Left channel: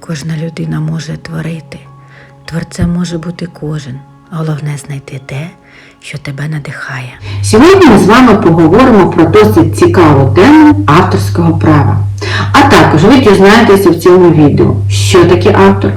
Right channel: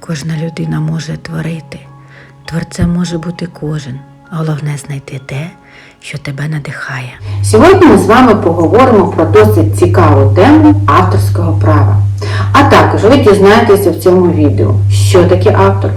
Кожна людина може творити. Творцем може бути кожен. Головне знайти те, що тебе надихає. Сьогодні ми з вами поговоримо про досить цікаву тему авторського права. А також ви дізнаєтеся в цьому відео, що таке автор,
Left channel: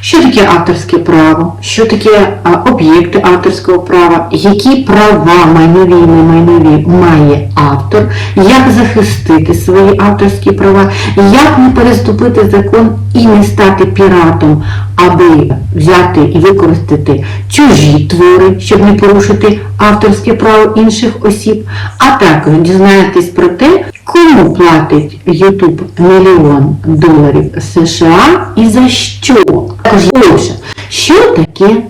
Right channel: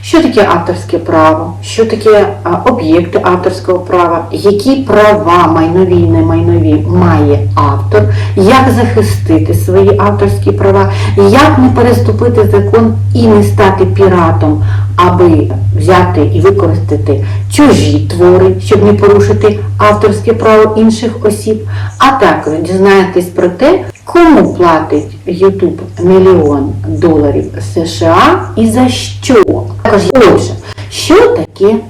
що таке авторське право, що таке об'єкти авторського права, які права майнові і немайнові має автор, як захистити свої авторські права, як не переступити закон і не стати піратом, аби взяти і використати чужі твори, щоб не порушити авторське право інших осіб, а також дізнаєтесь про те, кому платить YouTube мільйон доларів США і за що. Також що таке?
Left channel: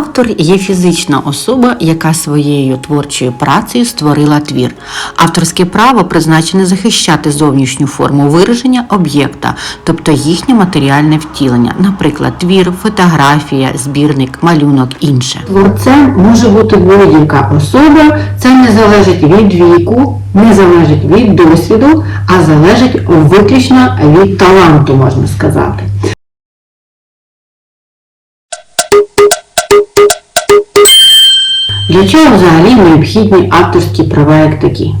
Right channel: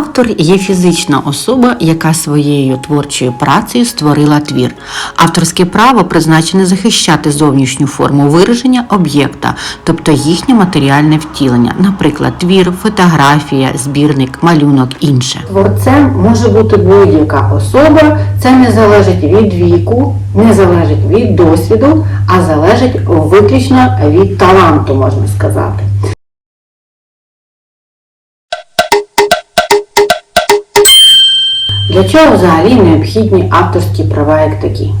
Автор є фізична особа, яка своєю творчою працею створила твір. Авторське право призначене захищати зовнішню форму вираження об'єкта, тобто їхнє матеріальне втілення, наприклад, твір, фотографія, збірник, малюнок, інше. Творцем може бути будь-яка особа, це не залежить від віку, не залежить від досвіду, а залежить виключно від таланту, можна сказати. Для чого взагалі необхідні авторські права як такі?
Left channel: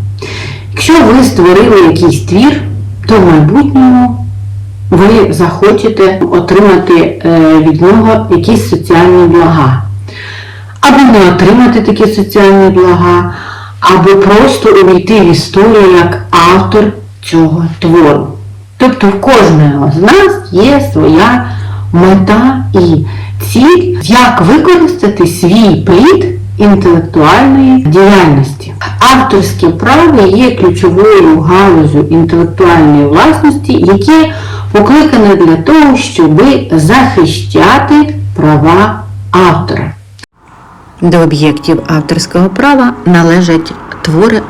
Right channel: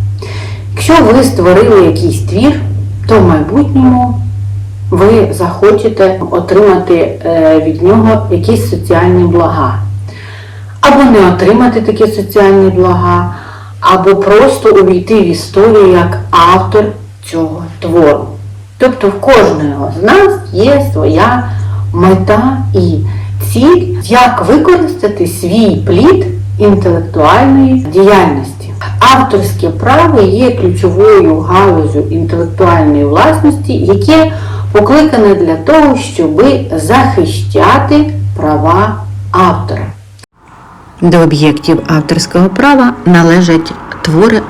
Якщо ви створили якийсь твір, то в майбутньому ви захочете отримати е, від нього якісь соціальні блага. Або не отримати такі соціальні блага, або просто увійти в історію як автор цього твору. Тобто в кожного з нас є своя мета і ціль, як використати свій плід інтелектуальної діяльності. Авторське право є ключовою галузю інтелектуальної власності, яке покликане для того, щоб захищати права автора. До об'єктів авторського права належать твори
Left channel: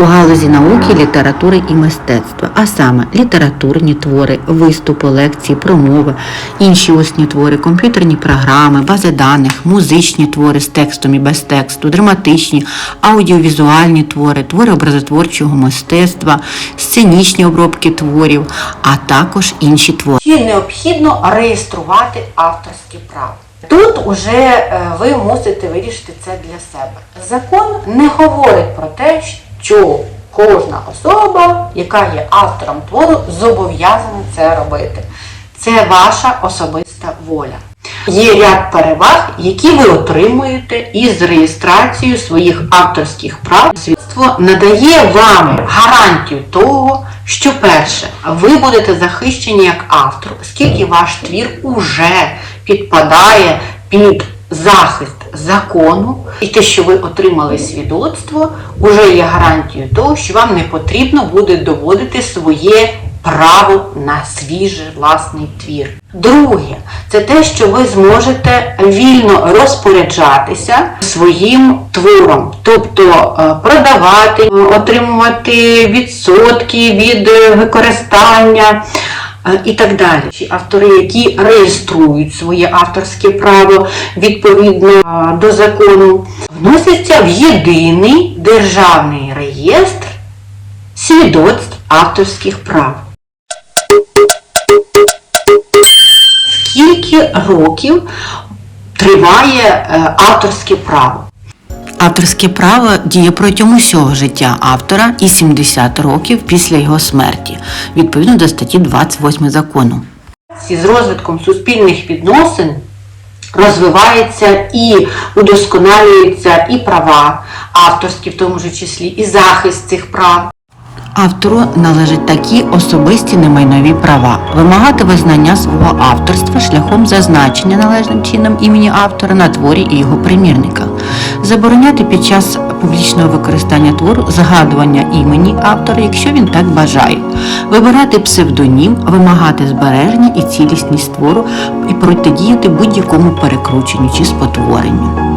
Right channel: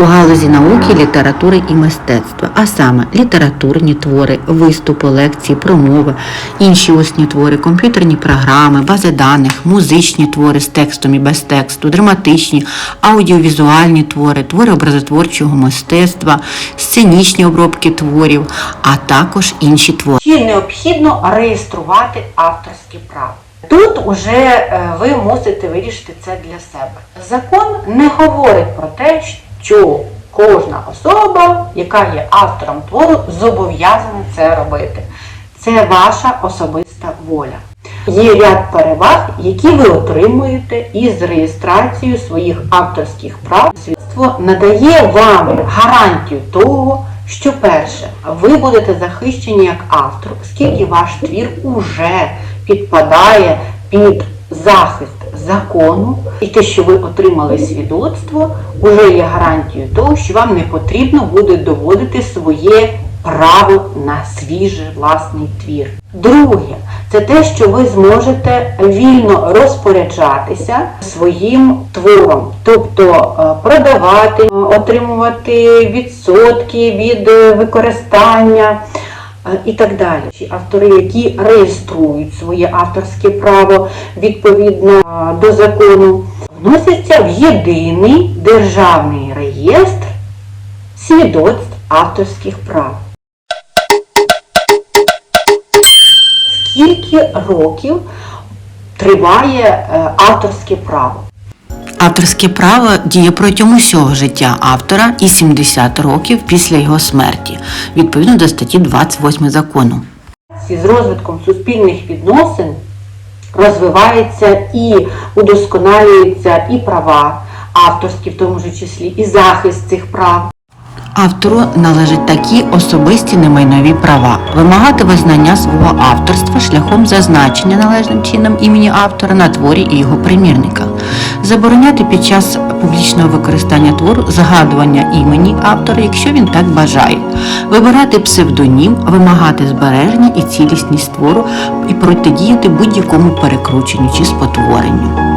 у галузі науки, літератури і мистецтва, а саме літературні твори, виступи, лекції, промови, інші усні твори, комп'ютерні програми, бази даних, музичні твори з текстом і без тексту, драматичні, аудіовізуальні твори, твори образотворчого мистецтва, сценічні обробки творів, а також інші твори. Чи необхідно реєструвати авторське право? Тут уже е, ви мусите вирішити це для себе. Закон не говорить про те, що кожна особа, яка є автором твору, зобов'язана це робити. Це ваша особиста воля. Є ряд переваг, які ви отримуєте із реєстрацією своїх авторських прав. Свідоцтво надає вам гарантію того, що перше, ви будете захищені як автор, оскільки ваш твір уже підпадає під захист закону, і те, що ви отримали свідоцтво, вже є гарантією того, що вам не потрібно буде доводити своє право на свіжий власний твір. Друге, це те, що ви зможете вільно розпоряджатися своїм твором, тобто е, продавати, отримувати відсотки від використання і так далі. Автори, які реєструють своє авторське право відповідно е, до закону, вносяться в єдиний державний реєстр свідоцтв авторських прав. Скільки років триває е, авторське право? Авторське право діє протягом усього життя автора і 70 років після його смерті, відповідно до статті 28 закону. З розвитком суспільних відносин розвивається і удосконалюються і права авторські, в тому ж числі, і захист цих прав. Автору належать такі особисті немайнові права. Вимагати визнання свого авторства шляхом зазначення належним чином імені автора на творі і його примірника, забороняти під час публічного використання твору згадування імені автора, якщо він так бажає, вибирати псевдонім, вимагати збереження і цілісність твору і протидіяти будь-якому перекрученню чи спотворенню.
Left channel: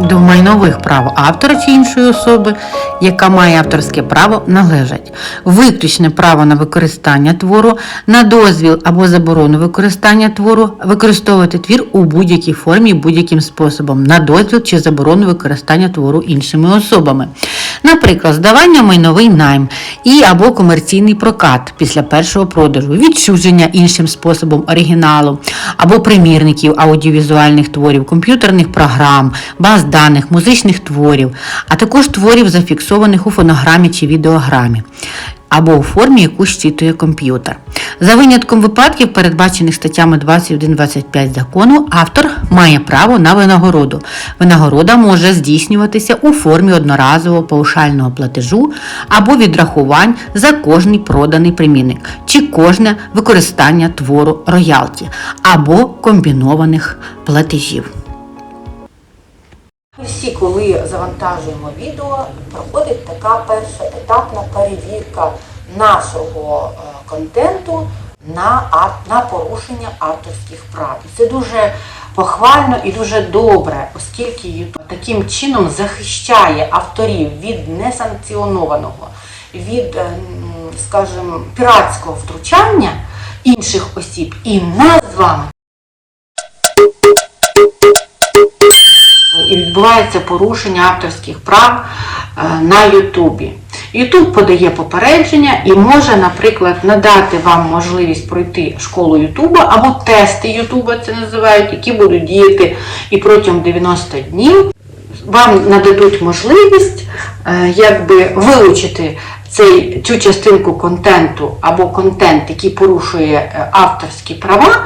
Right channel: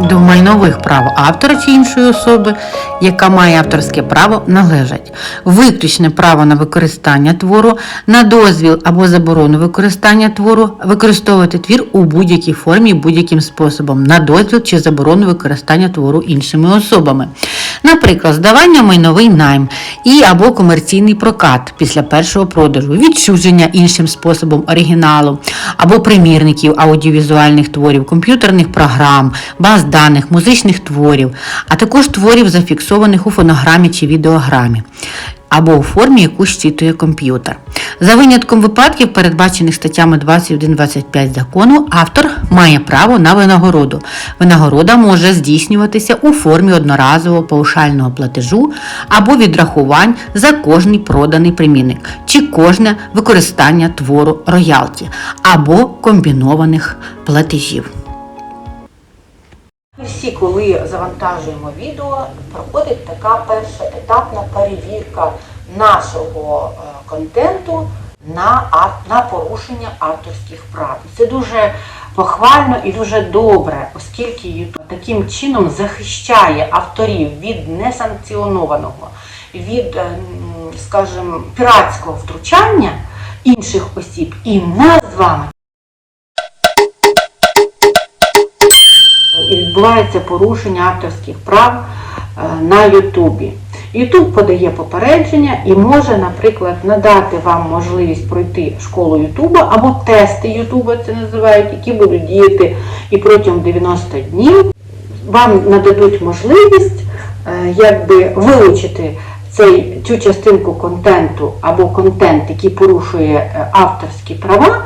До майнових прав автора чи іншої особи, яка має авторське право, належать виключне право на використання твору, на дозвіл або заборону використання твору, використовувати твір у будь-якій формі, будь-яким способом, на дозвіл чи заборону використання твору іншими особами. Наприклад, здавання майновий найм і або комерційний прокат після першого продажу, відчуження іншим способом оригіналу або примірників аудіовізуальних творів, комп'ютерних програм, баз даних, музичних творів, а також творів, зафіксованих у фонограмі чи відеограмі. Або у формі, яку щитує комп'ютер. За винятком випадків, передбачених статтями 21-25 закону, автор має право на винагороду. Винагорода може здійснюватися у формі одноразового паушального платежу або відрахувань за кожний проданий примірник чи кожне використання твору роялті, або комбінованих платежів. Всі, коли завантажуємо відео, проходить така перша етапна перевірка нашого е, контенту на, на порушення авторських прав. І це дуже похвально і дуже добре, оскільки YouTube таким чином захищає авторів від несанкціонованого, від, е, скажімо, піратського втручання інших осіб і нас з вами і відбувається порушення авторських прав е, на Ютубі. Ютуб подає попередження і може, наприклад, надати вам можливість пройти школу Ютуба або тести Ютуба, це називають, які будуть діяти і протягом 90 днів. Вам нададуть можливість е, якби вилучити цей, цю частинку контенту або контент, який порушує е, авторські права,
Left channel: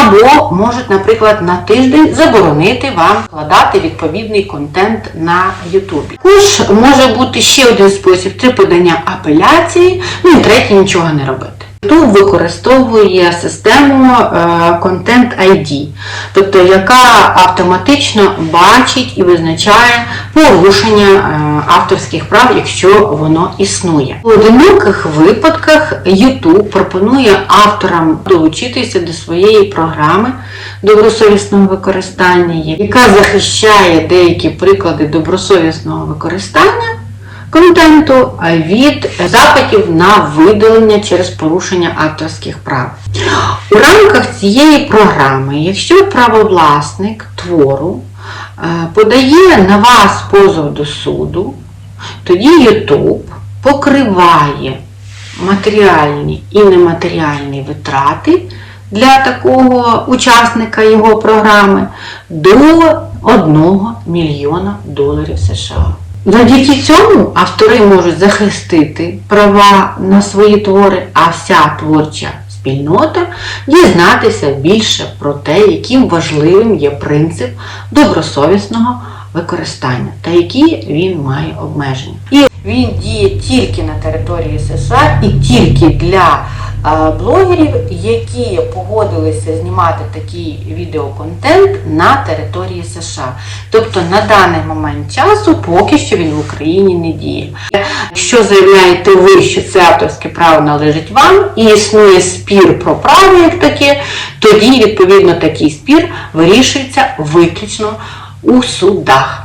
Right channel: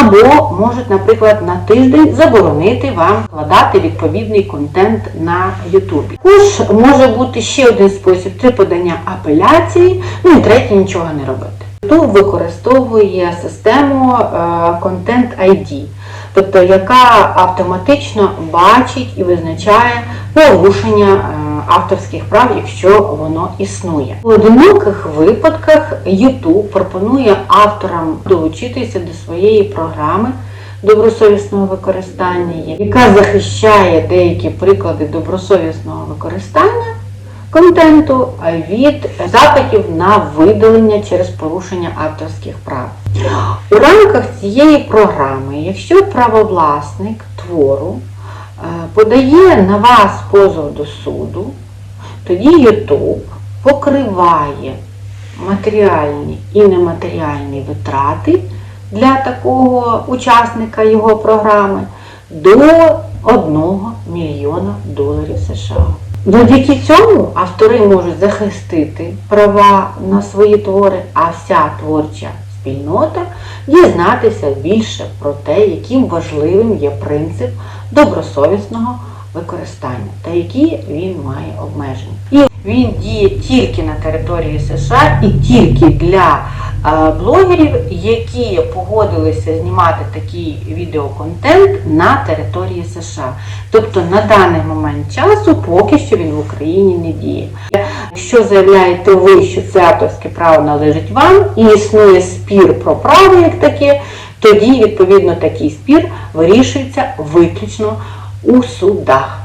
або можуть, наприклад, на тиждень заборонити вам вкладати відповідний контент на Ютубі. Тож може бути ще один спосіб це подання апеляції, ну і третє нічого не робити. YouTube використовує систему е, Content ID, тобто яка автоматично бачить і визначає порушення е, авторських прав, якщо воно існує. У одиноких випадках YouTube пропонує авторам долучитися до своєї програми добросовісного використання, яка захищає деякі приклади добросовісного використання контенту від запитів на видалення через порушення авторських прав. У рамках цієї програми, якщо правовласник твору е, подає на вас позов до суду, тоді YouTube покриває матеріальні і нематеріальні витрати для такого учасника його програми до 1 мільйона доларів США. Завдяки цьому автори можуть захистити права на свої твори, а вся творча спільнота дізнатися більше про те, яким важливим є принцип добросовісного використання та які він має обмеження. І він діє тільки на території США і тільки для блогерів, які погодилися знімати такий відеоконтент на території США. Тобто на даний момент часу поки що він в Україні не діє. Якщо заявляєте ви, що це авторське право належить вам і існує спір про право як таке, тоді відповідно такий спір вирішується виключно у судах.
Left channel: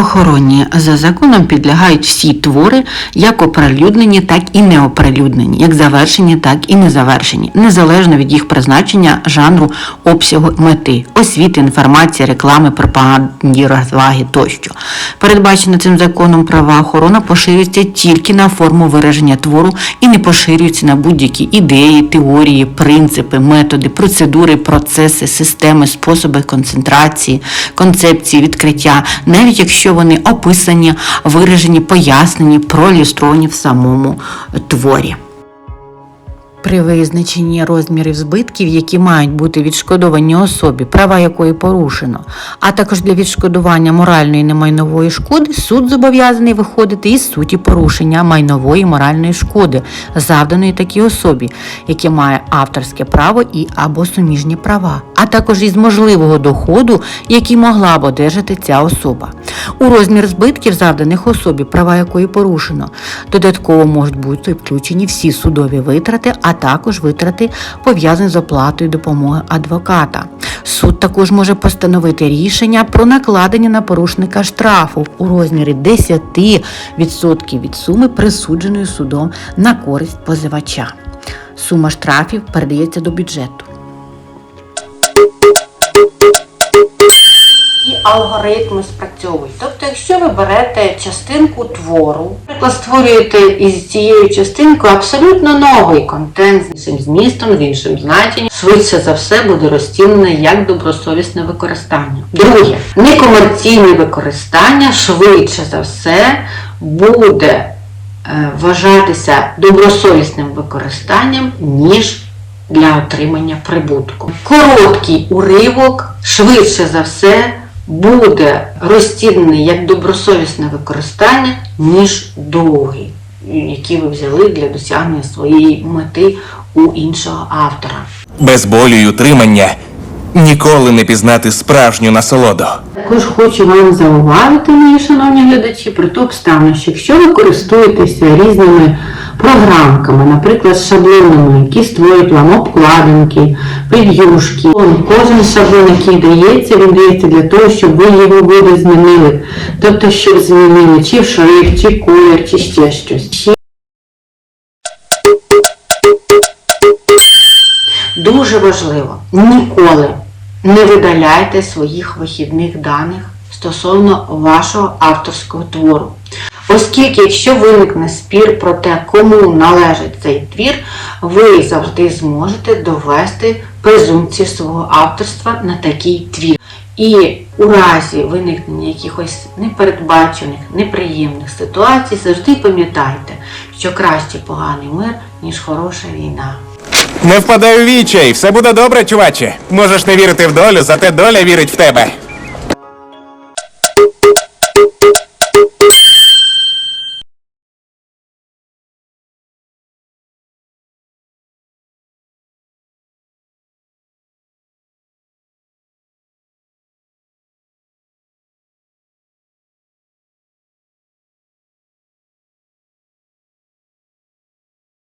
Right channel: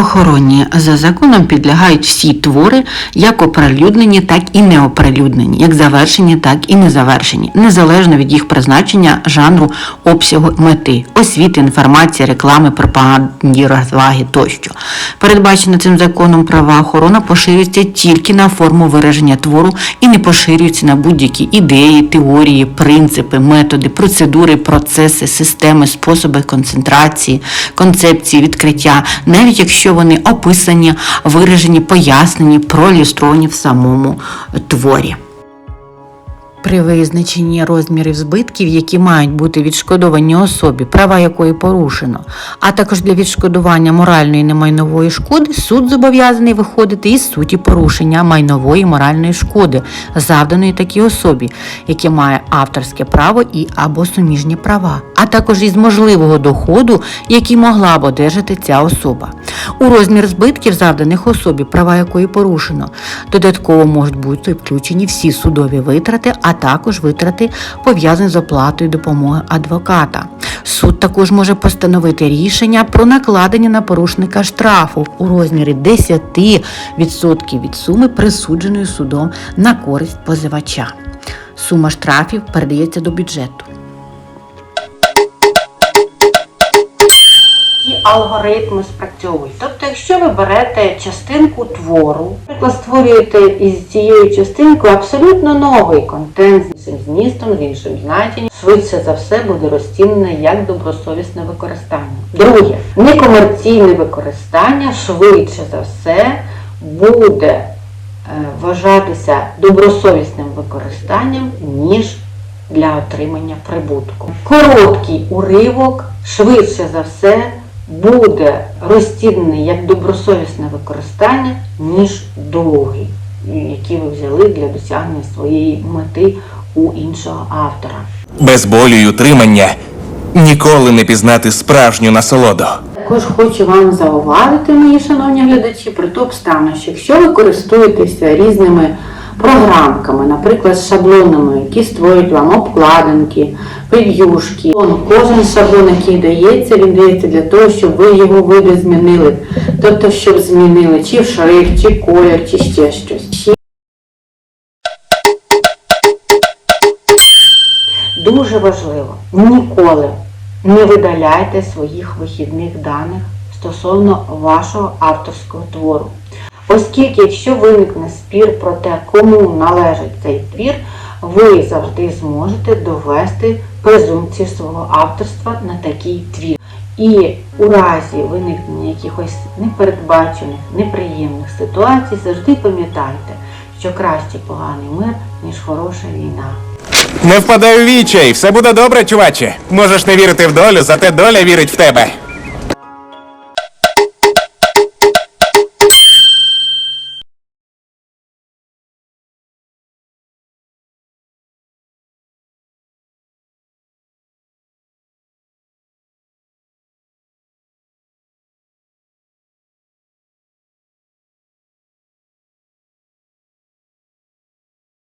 Охороні за законом підлягають всі твори, як оприлюднені, так і неоприлюднені, як завершені, так і незавершені, незалежно від їх призначення, жанру, обсягу, мети, освіти, інформації, реклами, пропаганді, розваги тощо. Передбачена цим законом права охорона поширюється тільки на форму вираження твору і не поширюється на будь-які ідеї, теорії, принципи, методи, процедури, процеси, системи, способи концентрації, концепції, відкриття, навіть якщо вони описані, виражені, пояснені, проілюстровані в самому творі. При визначенні розмірів збитків, які мають бути відшкодовані особі, права якої порушено, а також для відшкодування моральної немайнової шкоди, суд зобов'язаний виходити із суті порушення майнової моральної шкоди, завданої такій особі, яке має авторське право і або суміжні права, а також із можливого доходу, який могла б одержати ця особа. У розмір збитків, завданих особі, права якої порушено, додатково можуть бути включені всі судові витрати, а також витрати пов'язані з оплатою допомоги адвоката. Суд також може постановити рішення про накладення на порушника штрафу у розмірі 10% від суми, присудженої судом на користь позивача. Сума штрафів передається до бюджету. Алгоритми спрацьовують. Тобто, якщо ви берете частинку твору, наприклад, створюєте із цією частинкою абсолютно новий контент з іншим змістом, з іншим значенням, швидше за все буде розцінене як добросовісне використання. Друге, некомерційне використання швидше за все буде е, вважатися добросовісним використанням, ніж для отримання прибутку. Короткий уривок швидше за все буде розцінений як добросовісне використання, ніж довгий, який ви взяли для досягнення своєї мети у іншого автора. Без болю й утримання ніколи не пізнати справжню насолоду. Також хочу вам зауважити, мої шановні глядачі, про ту обставину, що якщо ви користуєтеся різними програмками, наприклад, шаблонами, які створюють вам обкладинки, прев'юшки, кожен шаблон, який дається, він дається для того, щоб ви його види змінили. Тобто, щоб змінили чи в шрифт, чи колір, чи ще щось. Дуже важливо, ніколи не видаляйте своїх вихідних даних стосовно вашого авторського твору. Оскільки, якщо виникне спір про те, кому належить цей твір, ви завжди зможете довести презумпцію свого авторства на такий твір. І у разі виникнення якихось непередбачених, неприємних ситуацій, завжди пам'ятайте, що краще поганий мир, ніж хороша війна. Не впадай у вічай, все буде добре, чуваче. Можеш не вірити в долю, зате доля вірить в тебе.